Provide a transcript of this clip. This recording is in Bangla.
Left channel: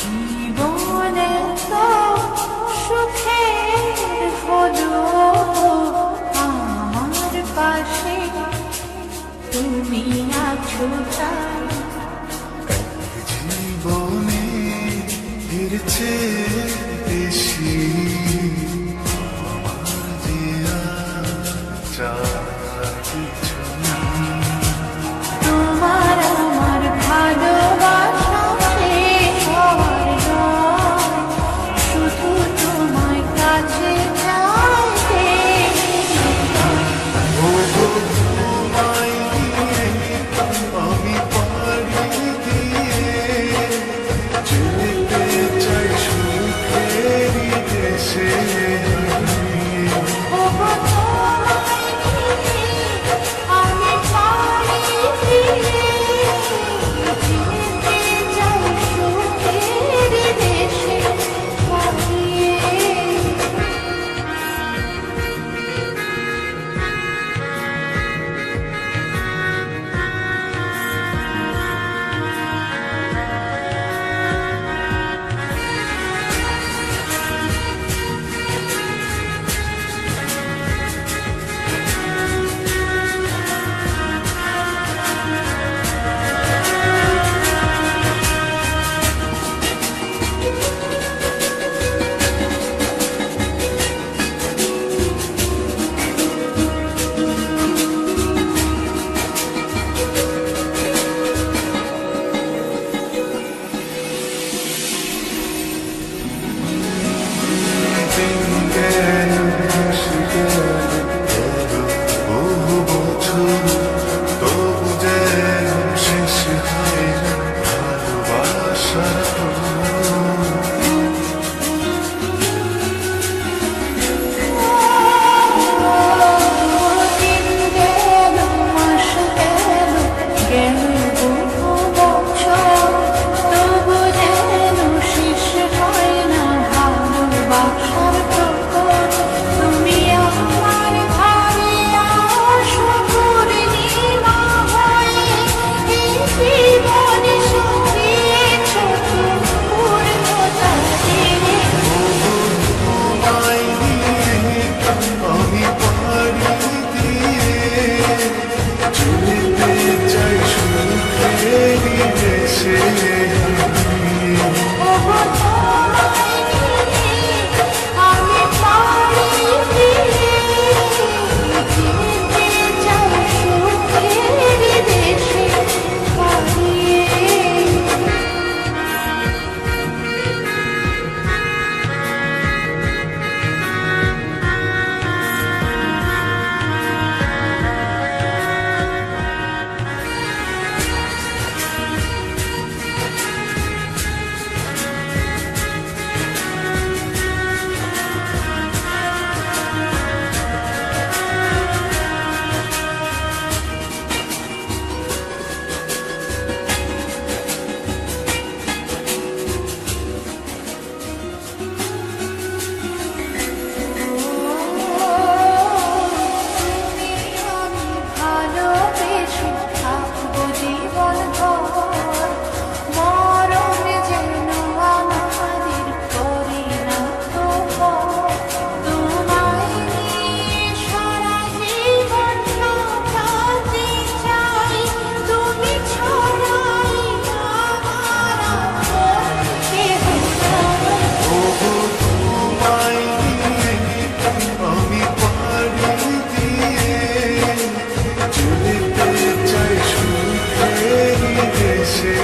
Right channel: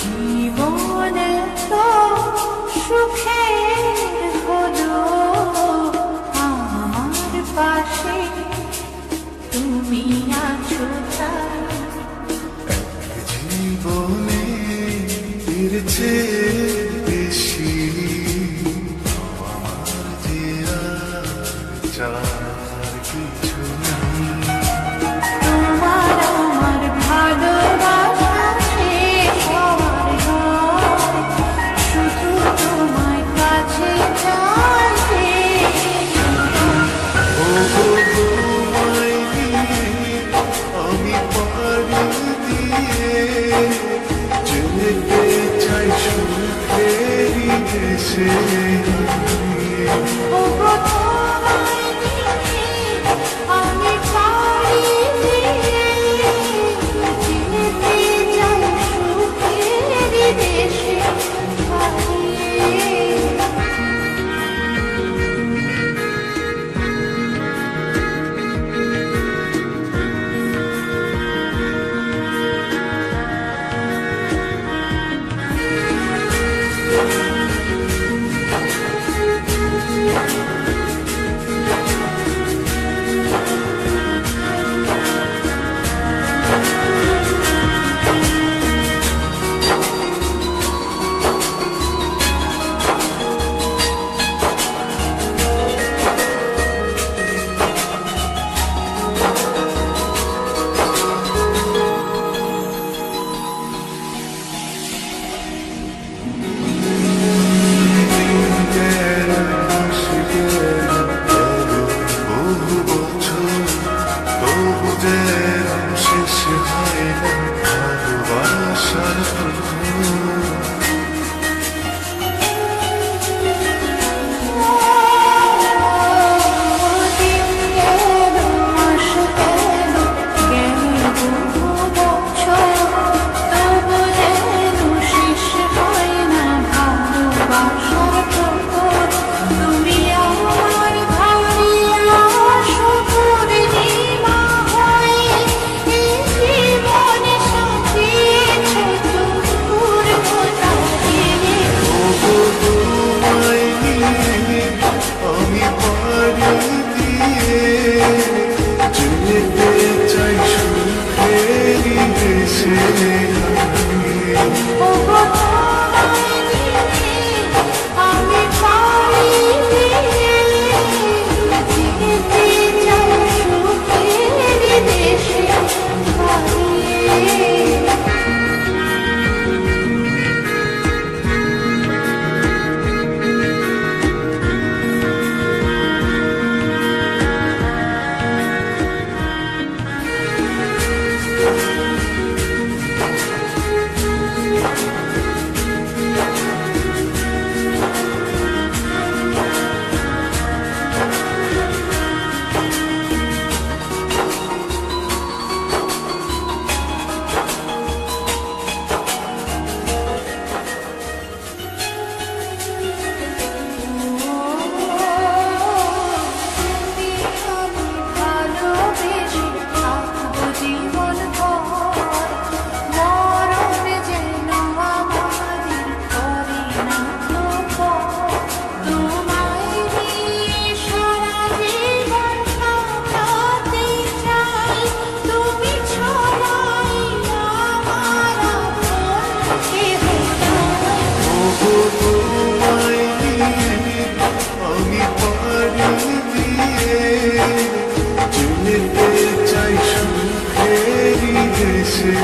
জীবনে তো সুখের হলো আমার পাশে তুমি আছো তাই। জীবনে এর চেয়ে বেশি আমার যে আর চার কিছু নেই। তোমার আমার ভালোবাসা শেষ হওয়ার নয়, শুধু তোমায় কাছে চাইতে। ওগো তোমায় দিয়ে আমি পাড়ি দিয়ে যেতে চাই সুখেরই দেশে হারিয়ে। ওগো তোমায় নিয়ে আমি পাড়ি দিয়ে যেতে চাই সুখের দেশে হারিয়ে। বহু বছর তবু যেন শেষ হয় না ভালোবাসার দিন গেল, মাস গেল, গেল বহু বছর, তবু যেন শেষ হয় না ভালোবাসার প্রহর। তুমি আমার ঘরে আসো পূর্ণিমা হয়ে, এই জীবনে সাজিয়েছ তুমি পূর্ণতা দিয়ে। ওগো তোমায় নিয়ে আমি পাড়ি দিয়ে যেতে চাই সুখেরই দেশে হারিয়ে। ওগো তোমায় নিয়ে আমি পাড়ি দিয়ে যেতে চাই সুখের দেশে হারিয়ে। তুমি আমি ভালোবেসে থাকবো জীবন ভর, মরণ যেন আমাদের করে না তো পর। তোমায় নিয়ে সারা জীবন কাটাতে চাই, তুমি ছড়াই আমার আপন কেহ নাই। ওগো তোমায় নিয়ে আমি পাড়ি দিয়ে যেতে চাই সুখেরই দেশে